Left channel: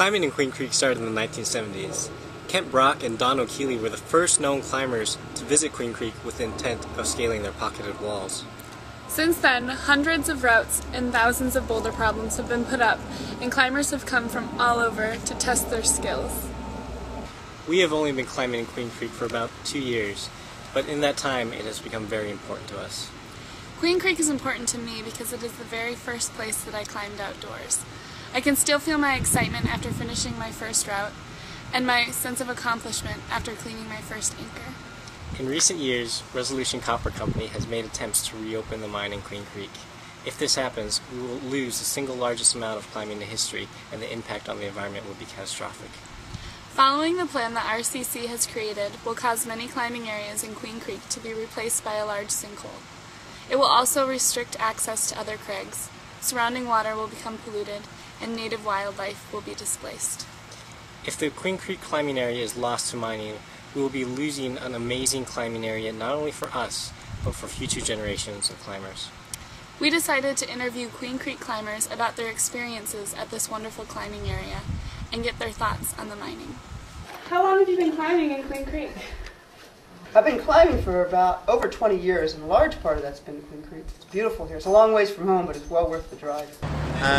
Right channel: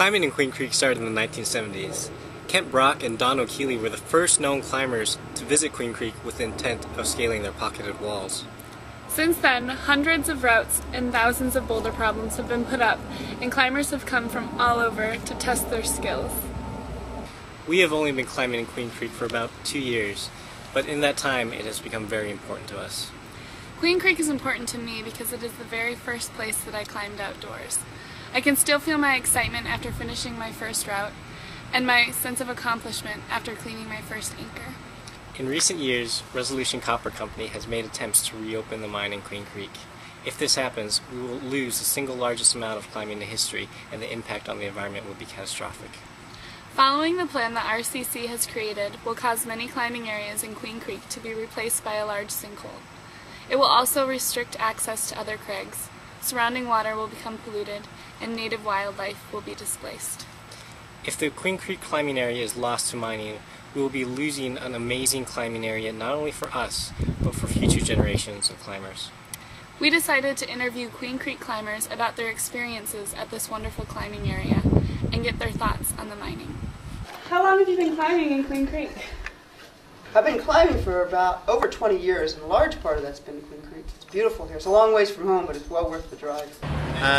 Climbing in Queen Creek started in the 1970s. Kent Brock and Don O'Keely were the first known climbers to visit Queen Creek with the intent of scaling their pocketed walls. Since then, hundreds of routes and thousands of boulder problems have been put up, and climbers have come from all over to test their skills. We have only been climbing in Queen Creek for about 2 years, but in that time it has become very important to us. Queen Creek is important to me because it is the very first place that I climbed outdoors. I can still feel my excitement after finishing my first route, and my sense of accomplishment after cleaning my first anchor. In recent years, Resolution Copper Company has made attempts to reopen the mine in Queen Creek. If this happens, we will lose the single largest amount of climbing in history, and the impact on the environment will be catastrophic. Following the plan that RCC has created will cause many climbing areas in Queen Creek to be replaced by a large sinkhole. It will also restrict access to other crags. Surrounding water will become polluted, and native wildlife will be displaced. If the Queen Creek climbing area is lost to mining, we will be losing an amazing climbing area not only for us, but for future generations of climbers. We decided to interview Queen Creek climbers about their experiences at this wonderful climbing area and get their thoughts on the mining. How long have you been climbing in Queen Creek? I've been climbing for about over 20 years, and a large part of that's been Queen Creek. It's beautiful here. It's a long ways from home, but it's well worth the drive.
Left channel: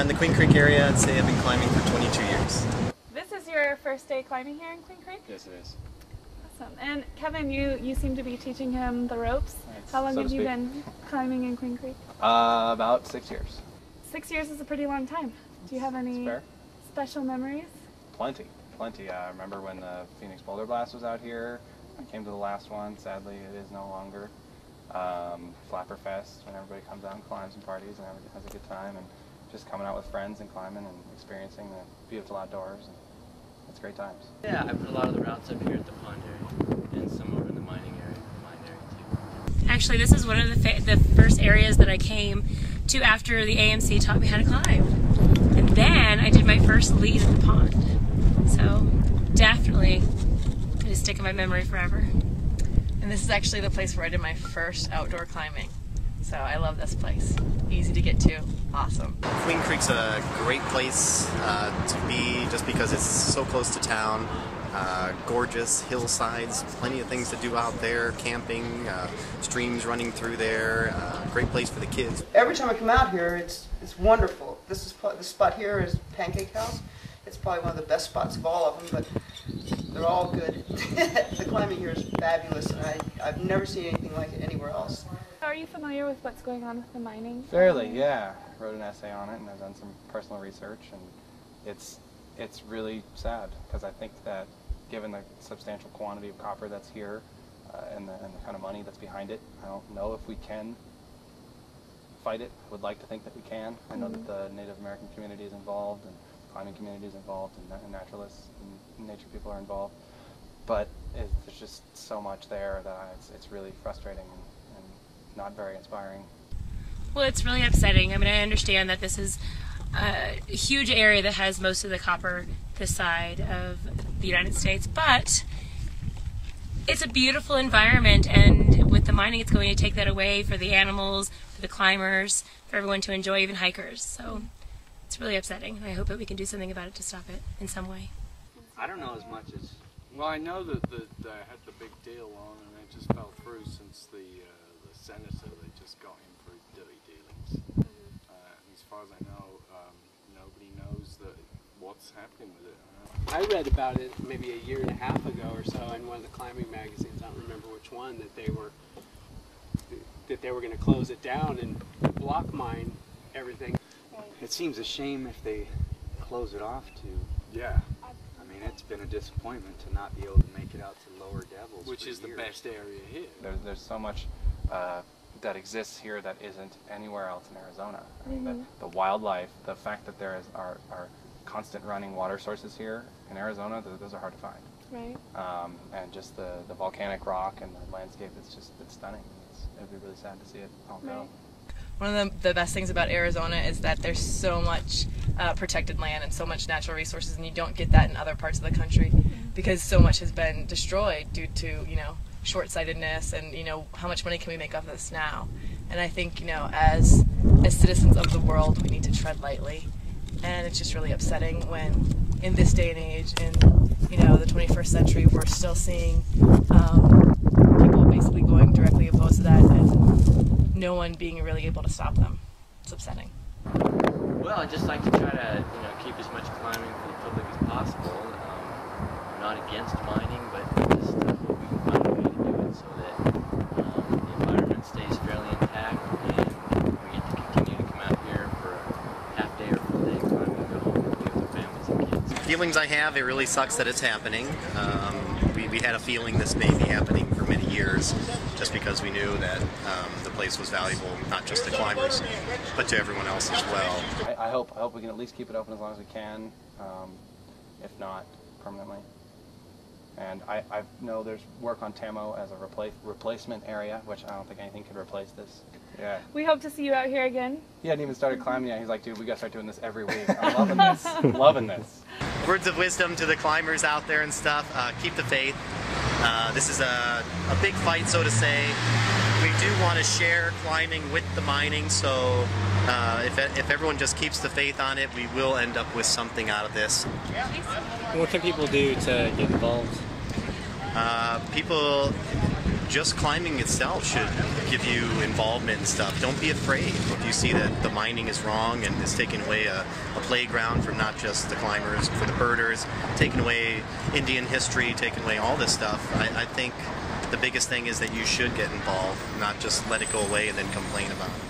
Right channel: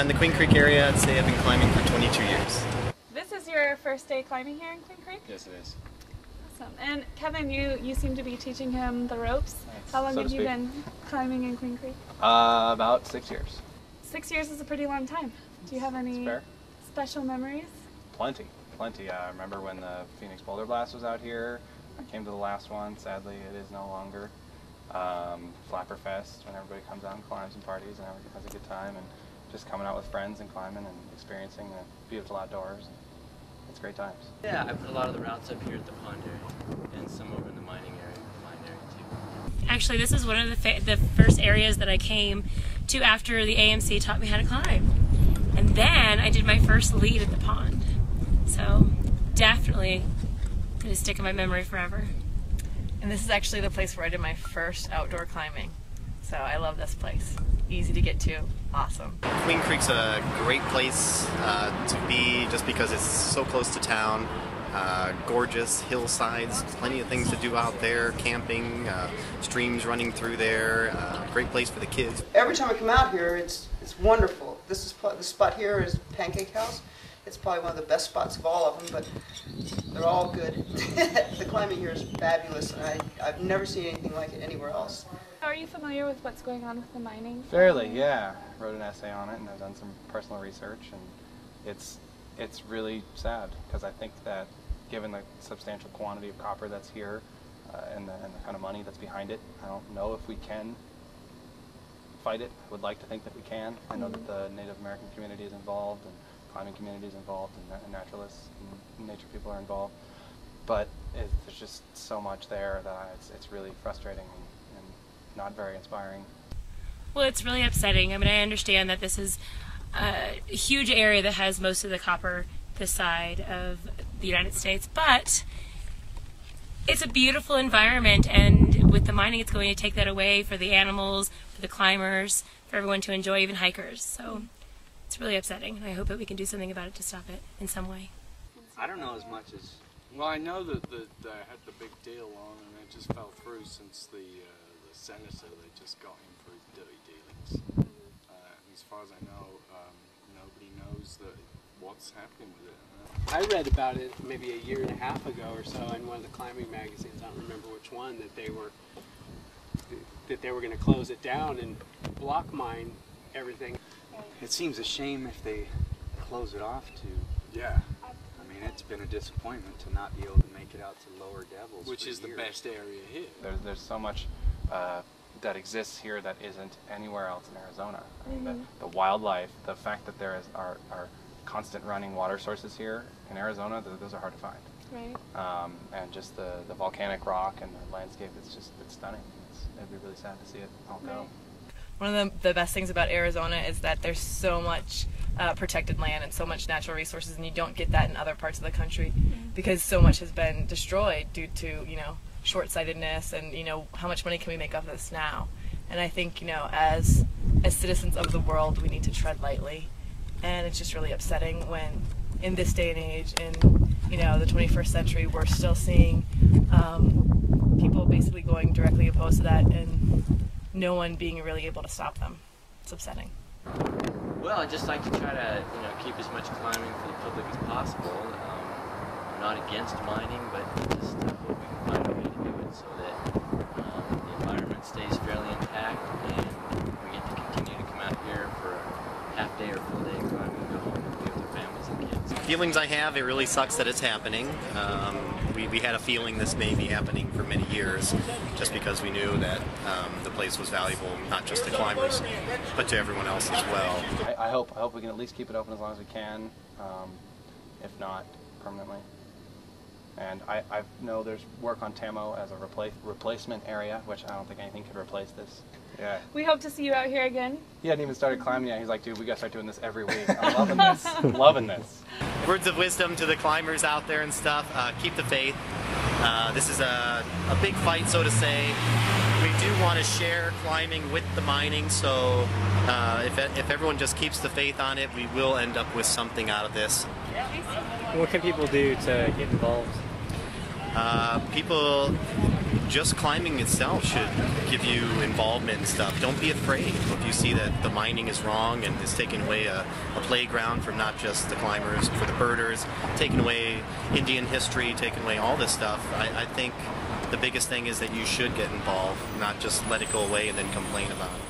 In the Queen Creek area, I'd say I've been climbing for 22 years. This is your first day climbing here in Queen Creek? Yes, it is. Awesome. And Kevin, you seem to be teaching him the ropes. How long have you been climbing in Queen Creek? About 6 years. 6 years is a pretty long time. Do you have any special memories? Plenty. I remember when the Phoenix Boulder Blast was out here. I came to the last one. Sadly, it is no longer. Flapper Fest, when everybody comes out and climbs and parties and has a good time, and just coming out with friends and climbing and experiencing the beautiful outdoors. And it's great times. Yeah, I put a lot of the routes up here at the pond area and some over in the mining area, too. Actually, this is one of the first areas that I came to after the AMC taught me how to climb. And then I did my first lead at the pond. So definitely gonna stick in my memory forever. And this is actually the place where I did my first outdoor climbing. So I love this place. Easy to get to, awesome. Queen Creek's a great place to be just because it's so close to town. Gorgeous hillsides, plenty of things to do out there, camping, streams running through there, great place for the kids. Every time I come out here, it's wonderful. This spot here is Pancake House. It's probably one of the best spots of all of them, but they're all good. The climbing here is fabulous, and I've never seen anything like it anywhere else. Are you familiar with what's going on with the mining? Fairly, yeah. Wrote an essay on it, and I've done some personal research, and it's really sad, because I think that given the substantial quantity of copper that's here and the kind of money that's behind it, I don't know if we can fight it. I would like to think that we can. I know that the Native American community is involved, and climbing community is involved, and naturalists and nature people are involved, but there's just so much there that it's really frustrating and not very inspiring. Well, it's really upsetting. I mean, I understand that this is a huge area that has most of the copper this side of the United States, but it's a beautiful environment, and with the mining it's going to take that away for the animals, for the climbers, for everyone to enjoy, even hikers. So it's really upsetting, and I hope that we can do something about it to stop it in some way. I don't know as much as... Well, I know that they had the big deal on, and it just fell through since the senator, they just got him for his dirty dealings. As far as I know, nobody knows what's happening with it. I read about it maybe a year and a half ago or so in one of the climbing magazines. I don't remember which one, that they were going to close it down and block mine everything. It seems a shame if they close it off to. Yeah. I mean, it's been a disappointment to not be able to make it out to Lower Devils. Which is the best area here. There's so much that exists here that isn't anywhere else in Arizona. I mean, the wildlife, the fact that there are constant running water sources here in Arizona, those are hard to find. Right. And just the volcanic rock and the landscape, it's stunning. It'd be really sad to see it all go. One of the best things about Arizona is that there's so much protected land and so much natural resources, and you don't get that in other parts of the country because so much has been destroyed due to, short-sightedness and, how much money can we make off this now? And I think, as citizens of the world, we need to tread lightly. And it's just really upsetting when in this day and age, in the 21st century, we're still seeing people basically going directly opposed to that, and no one being really able to stop them. It's upsetting. Well, I'd just like to try to, keep as much climbing for the public as possible. I'm not against mining, but just hope we can find a way to do it so that the environment stays fairly intact, and we get to continue to come out here for a half day or full day climbing and go home and be with our families and kids. Feelings I have, it really sucks that it's happening. We had a feeling this may be happening for many years, just because we knew that the place was valuable, not just to climbers, but to everyone else as well. I hope we can at least keep it open as long as we can, if not permanently. And I know there's work on Tamo as a replacement area, which I don't think anything could replace this. Yeah. We hope to see you out here again. He hadn't even started climbing yet. He's like, dude, we gotta start doing this every week. I'm loving this. Loving this. Words of wisdom to the climbers out there and stuff. Keep the faith. This is a big fight, so to say. We do want to share climbing with the mining, so if everyone just keeps the faith on it, we will end up with something out of this. What can people do to get involved? People, just climbing itself should give you involvement and stuff. Don't be afraid. If you see that the mining is wrong and is taking away a playground for not just the climbers, for the birders, taking away Indian history, taking away all this stuff, I think the biggest thing is that you should get involved, not just let it go away and then complain about it.